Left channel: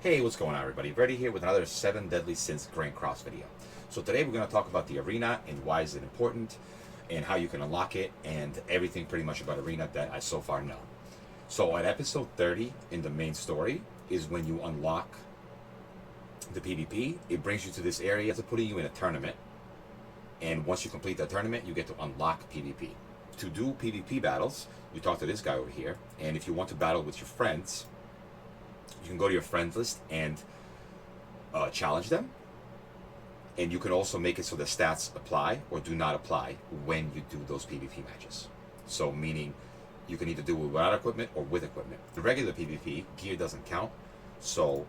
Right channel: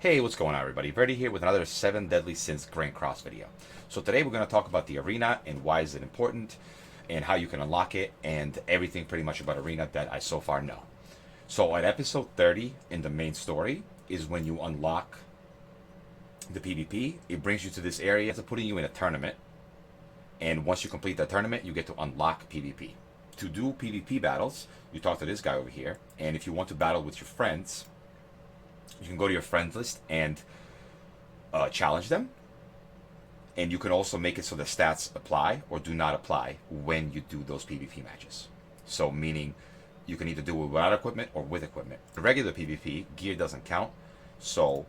Hey, what's going on, everybody? Reddy here with another 7 Deadly Sins Grand Cross video. So today we're going to talk about the arena and why is it important and how you can unlock it and everything pretty much about arena that I so far know. So at episode 30 in the main story is when you unlock the PvP. It brings you to this area, it's putting you in a tournament. And once you complete that tournament, you get to unlock PvP. To do PvP battles, you talk to this guy over here, and if you want to battle with your friends, you can go to your friends list and challenge them, and you can also make it so the stats apply or do not apply when you do those PvP matches. So meaning you can either do it without equipment or with equipment. In regular PvP, gear doesn't count, so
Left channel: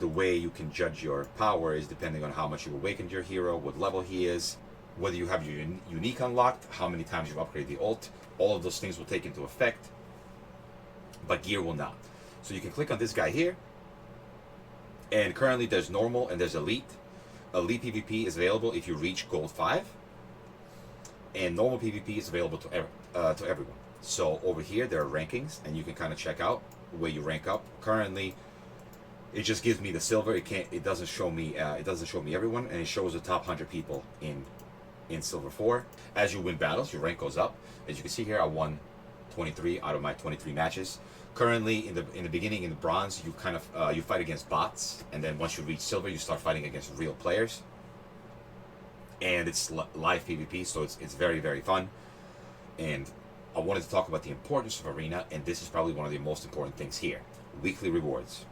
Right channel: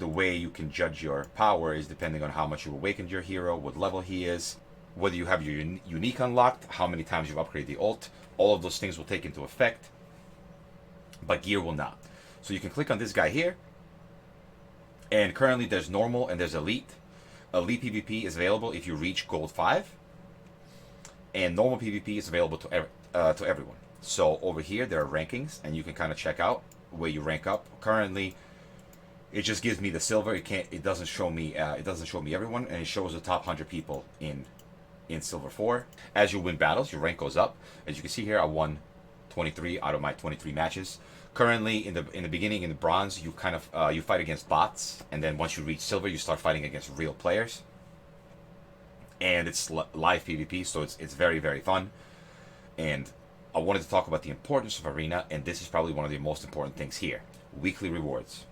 the way you can judge your power is depending on how much you've awakened your hero, what level he is, whether you have your unique unlocked, how many times you've upgraded the ult. All of those things will take into effect, but gear will not. So you can click on this guy here, and currently there's normal and there's elite. Elite PvP is available if you reach gold 5, and normal PvP is available to everyone. So over here there are rankings, and you can kind of check out where you rank up. Currently, it just gives me the silver. It doesn't show me everyone, and it shows the top 100 people in silver 4. As you win battles, your rank goes up. As you can see here, I won 23 out of my 23 matches. Currently, in the beginning, in the bronze, you kind of you fight against bots, and then once you reach silver, you start fighting against real players. And it's live PvP, so it's very, very fun. And I wanted to talk about the importance of arena, and this is probably one of the most important things here: weekly rewards.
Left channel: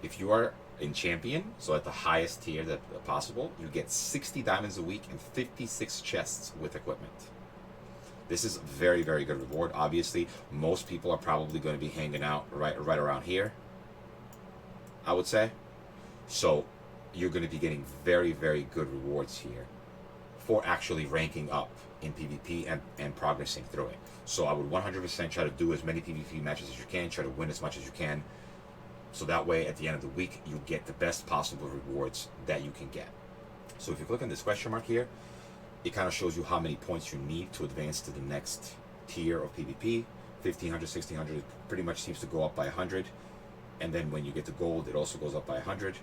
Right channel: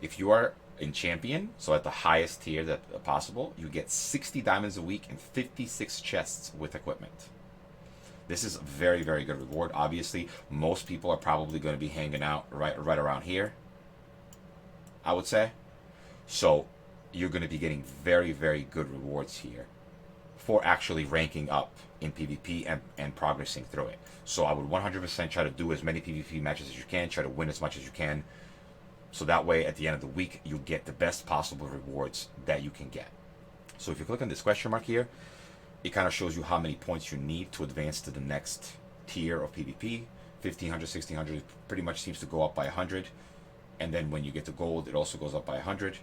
If you are in champion, so at the highest tier that possible, you get 60 diamonds a week and 56 chests with equipment. This is a very, very good reward. Obviously, most people are probably going to be hanging out right around here, I would say. So you're going to be getting very, very good rewards here for actually ranking up in PvP and progressing through it. So I would 100% try to do as many PvP matches as you can, try to win as much as you can, so that way at the end of the week you get the best possible rewards that you can get. So if you click on this question mark here, it kind of shows you how many points you need to advance to the next tier of PvP. 1500, 1600 pretty much seems to go up by 100, and then when you get to gold, it also goes up by 100.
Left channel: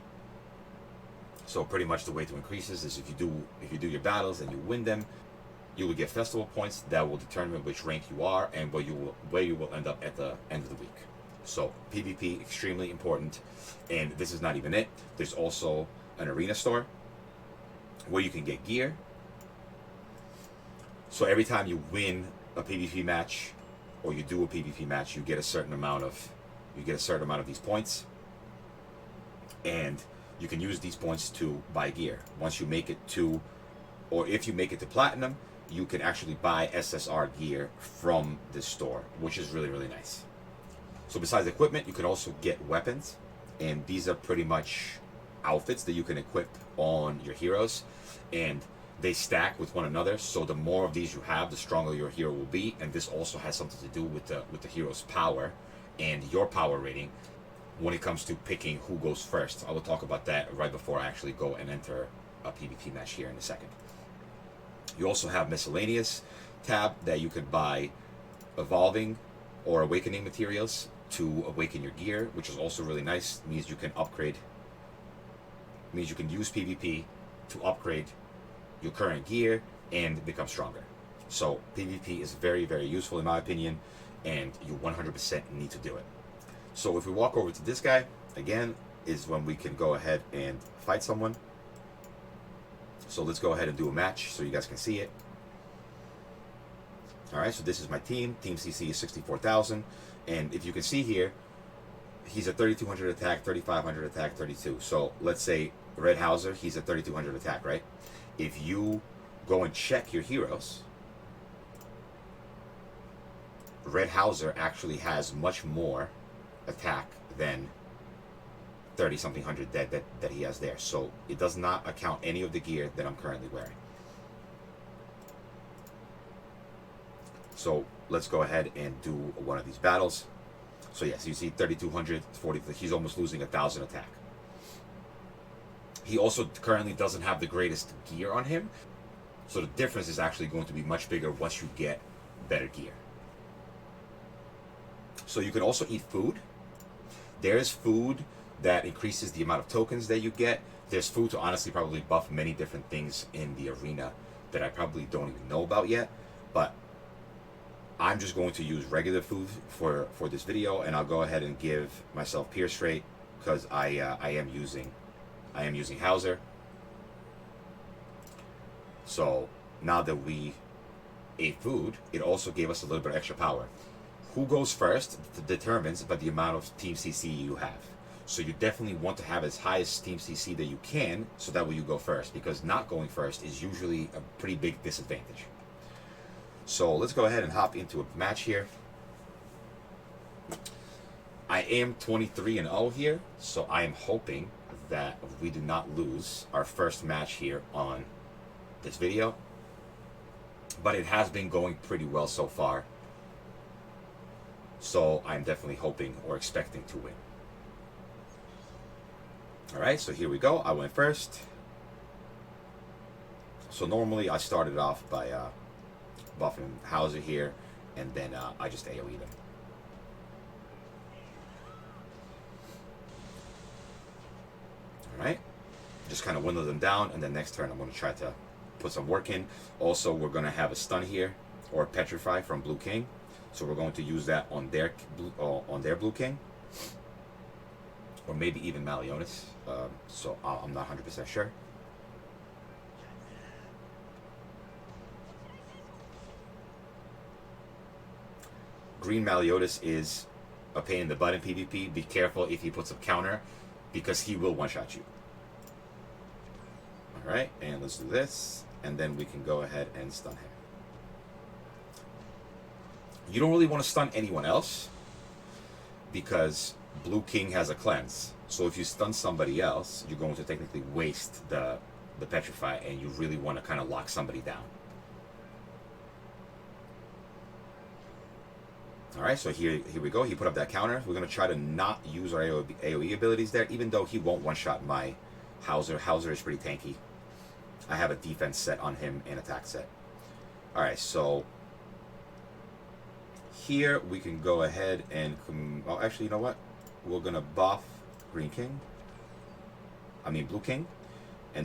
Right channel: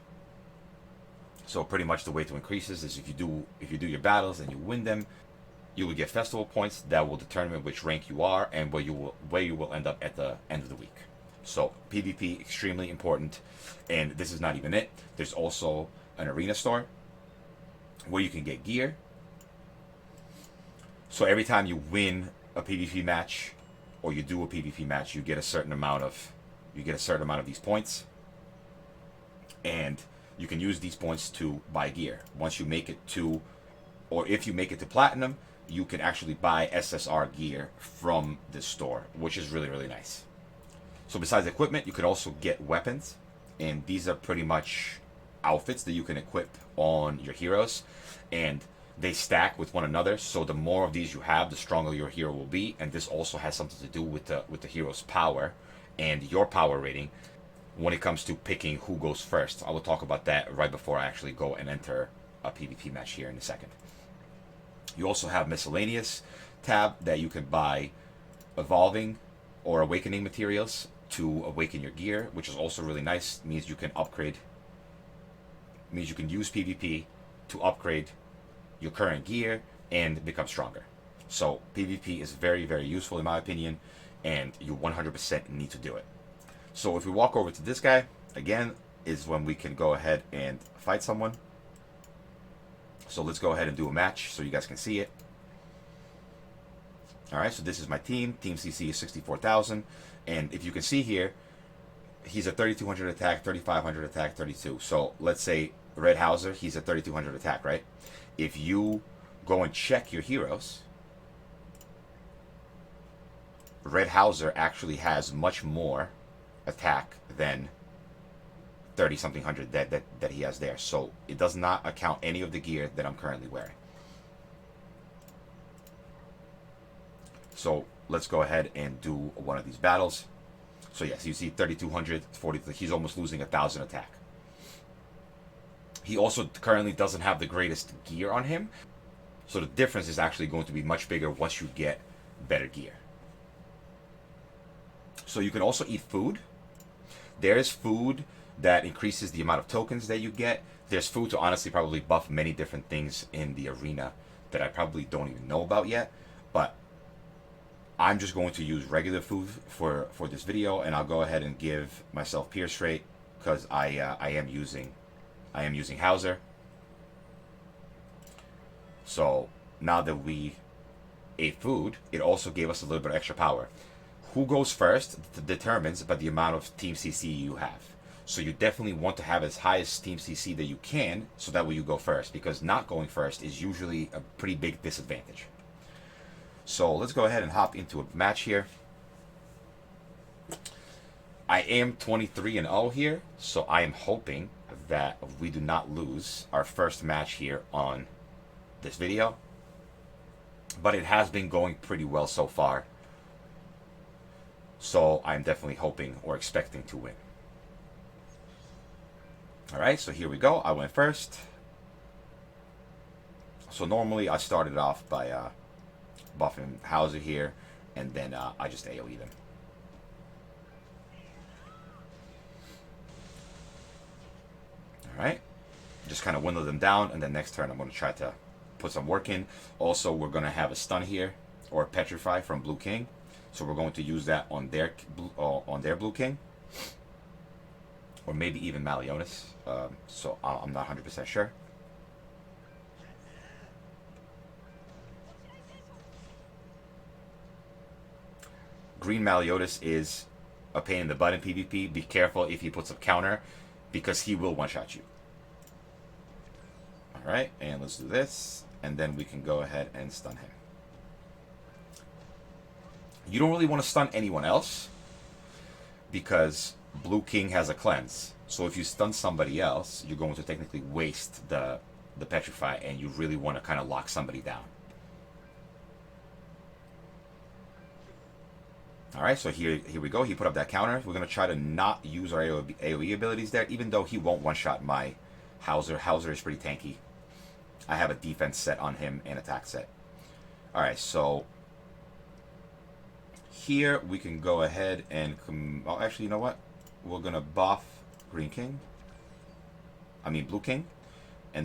So pretty much the way to increase this is if you do your battles and you win them, you will get festival points that will determine which rank you are and where you will end up at the end of the week. So PvP, extremely important, and this is not even it. There's also an arena store where you can get gear. So every time you win a PvP match or you do a PvP match, you get a certain amount of these points, and you can use these points to buy gear. Once you make it to, or if you make it to platinum, you can actually buy SSR gear from this store, which is really, really nice. So besides equipment, you can also get weapons, and these are pretty much outfits that you can equip on your heroes, and they stack with one another. So the more of these you have, the stronger your hero will be, and this also has something to do with the hero's power and your power rating when it comes to picking who goes first. I will talk about that right before I actually go and enter a PvP match here in a second. You also have miscellaneous tab that you can buy evolving or awakening materials to awaken your gear, which is also really nice. It means you can upgrade. It means you can use PvP to upgrade your current gear and become stronger. So PvP is very, very useful in my opinion, and you 100% need to do it. So if we walk over to this guy, again, is when we can go ahead and fight someone. So let's go ahead and do a match so you guys can see it. Alright, so this is my team. Team CC is 64,000. And if you can see here, he's at 3,200 attack, 3,500 attack, 32. So let's say Red Hauser, he's at 3,200 attack, right? If you go and check your heroes, Red Hauser actually has much more attack than 30-something hundred that he has there. So it does not account any of the gear that I'm currently wearing. So let's go ahead and do one of these battles. So yes, you see 3,200, 40, he's almost losing 1,000 attack. He also currently doesn't have the greatest gear on him, so the difference is actually going to be much bigger once you get better gear. So you can also eat food. There is food that increases the amount of tokens that you get. There's food to honestly probably buff many different things in the arena that I probably don't even know about yet, but I'm just going to use regular food for this video, and I'll go ahead and give myself Pierce Rate because I am using Hauser. So now that we ate food, it also gave us a little bit of extra power. Who goes first determines about the amount of Team CC you have. So you definitely want to have as high as Team CC that you can, so that way you go first, because not going first is usually a pretty big disadvantage. So let's go ahead and hop into a match here. I am 23-0 here, so I am hoping that we do not lose our first match here on this video. But it has been going pretty well so far, so I'm definitely hoping or expecting to win. Alright, so here we go. I went first. So normally I started off by buffing Hauser here, and then I just AoE them. Alright, just kind of winnow them down, and then next turn I'm going to try to put some work in. Also, we're going to have a stun here, or Petrify from Blue King, so we're going to use that on their Blue King, or maybe even Malionis, so I'm not 100% sure. Green Maliotis is a pain in the butt in PvP. Be careful if he puts up counter, because he will one-shot you. Alright, and let's do this, and then we can go ahead and stun him. You don't really want to stun anyone else, because Blue King has a cleanse. So if you stun somebody else, you're going to technically waste the Petrify, and you really want to kind of lock somebody down. Alright, so here we go. He put up that counter. We're going to try to not use our AoE abilities there, even though he won't one-shot my Hauser. Hauser is pretty tanky. I have a defense set on him and attack set. Alright, so here we can go ahead and... oh, actually, you know what? We're going to buff Blue King. And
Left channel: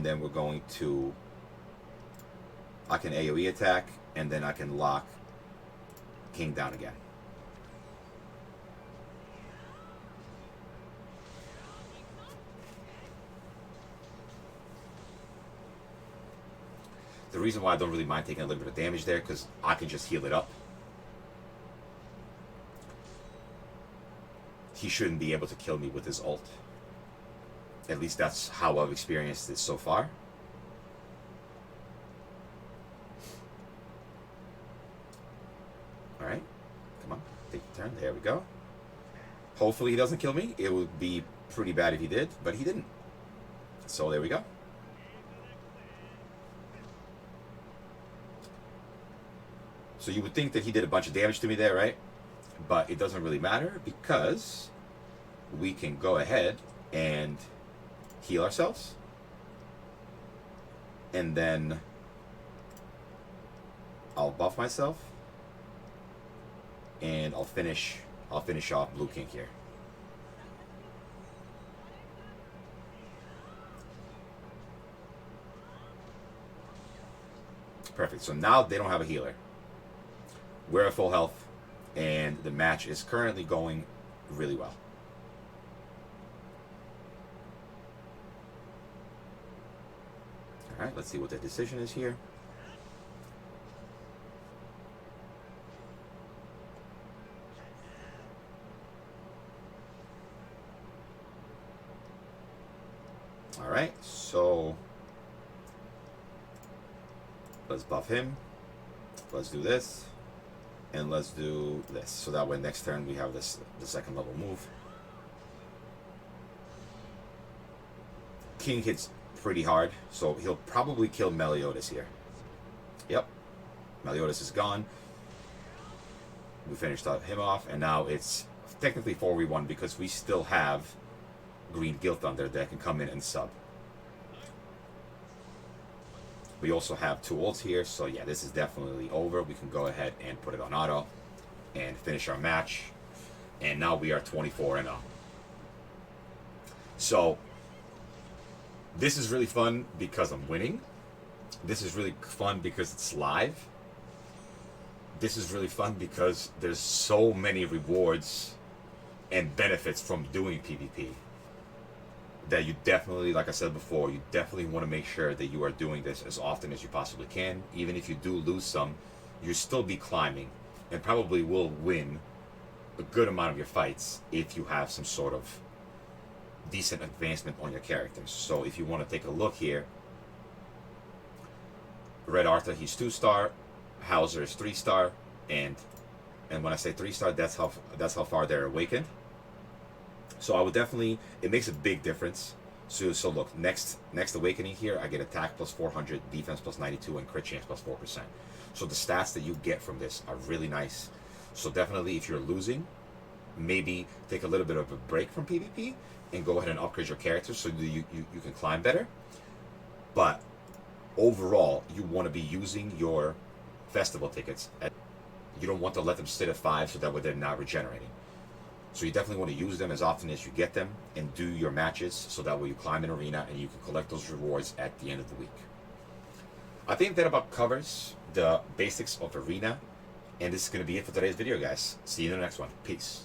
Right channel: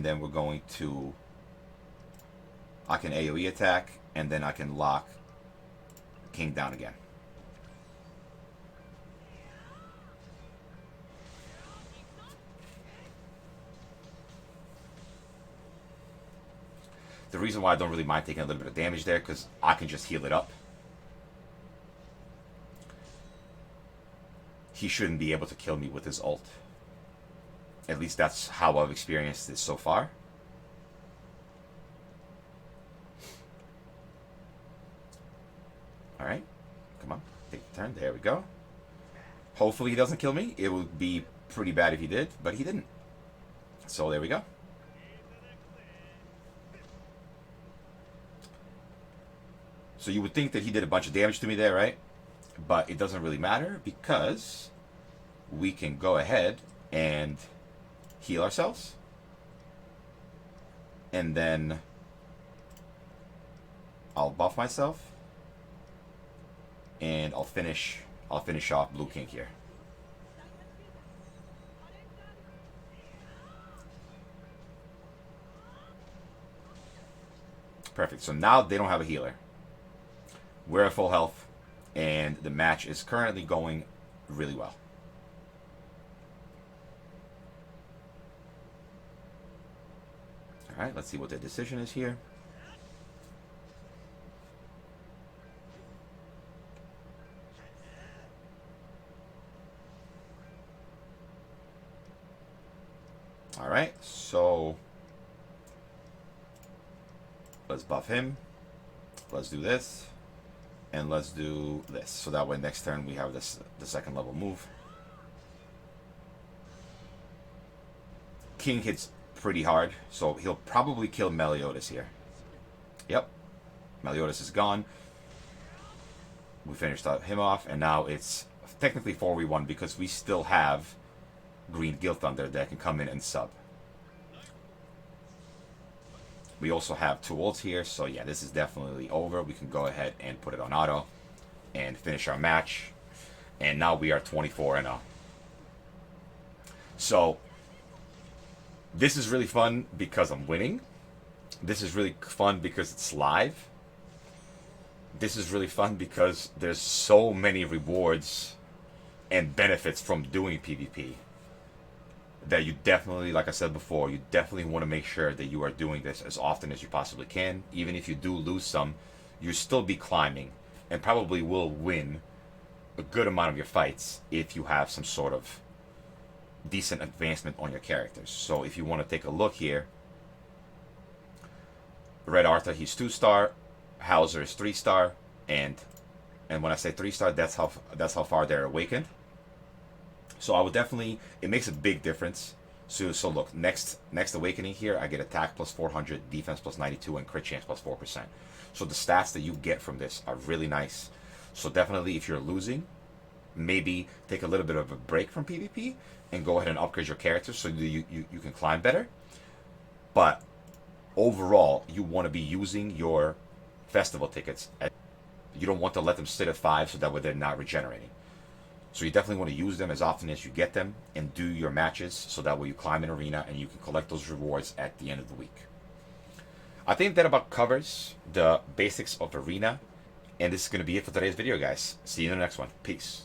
then we're going to... I can AoE attack, and then I can lock King down again. The reason why I don't really mind taking a little bit of damage there, because I can just heal it up. He shouldn't be able to kill me with his ult. At least that's how I've experienced this so far. Alright, come on, take your turn. There we go. Hopefully he doesn't kill me. It would be pretty bad if he did, but he didn't. So there we go. So you would think that he did a bunch of damage to me there, right? But it doesn't really matter, because we can go ahead and heal ourselves. And then I'll buff myself. And I'll finish off Blue King here. Perfect. So now they don't have a healer. We're at full health, and the match is currently going really well. Alright, let's see what the decision is here. Alright, so let's buff him. Let's do this. And let's do this. So that way next turn we have this the second level move. King hits pretty hard, so he'll probably kill Meliodas here. Yep. Meliodas is gone. We finished him off, and now it's technically 4v1 because we still have Green Guild Thunder that can come in and sub. We also have 2 ults here, so yeah, this is definitely over. We can go ahead and put it on auto and finish our match. And now we are 24-0. So this is really fun because I'm winning. This is really fun because it's live. This is really fun because there's so many rewards and benefits from doing PvP that you definitely, like I said before, you definitely want to make sure that you are doing this as often as you possibly can. Even if you do lose some, you still be climbing and probably will win a good amount of your fights if you have some sort of decent advancement on your characters. So if you want to take a look here, Red Arthur, he's 2-star, Hauser is 3-star, and when I say 3-star, that's how far they're awakened. So I would definitely, it makes a big difference. So look, next awakening here, I get attack plus 400, defense plus 92, and crit chance plus 4%. So the stats that you get from this are really nice. So definitely, if you're losing, maybe take a little bit of a break from PvP and go ahead and upgrade your character so that you can climb better. But overall, you want to be using your festival tickets. You don't want to let them sit at 5 so that way they're not regenerating. So you definitely want to use them as often as you get them and do your matches so that way you climb an arena and you can collect those rewards at the end of the week. I think that about covers the basics of arena, and this is going to be it for today's video, guys. See you in the next one. Peace.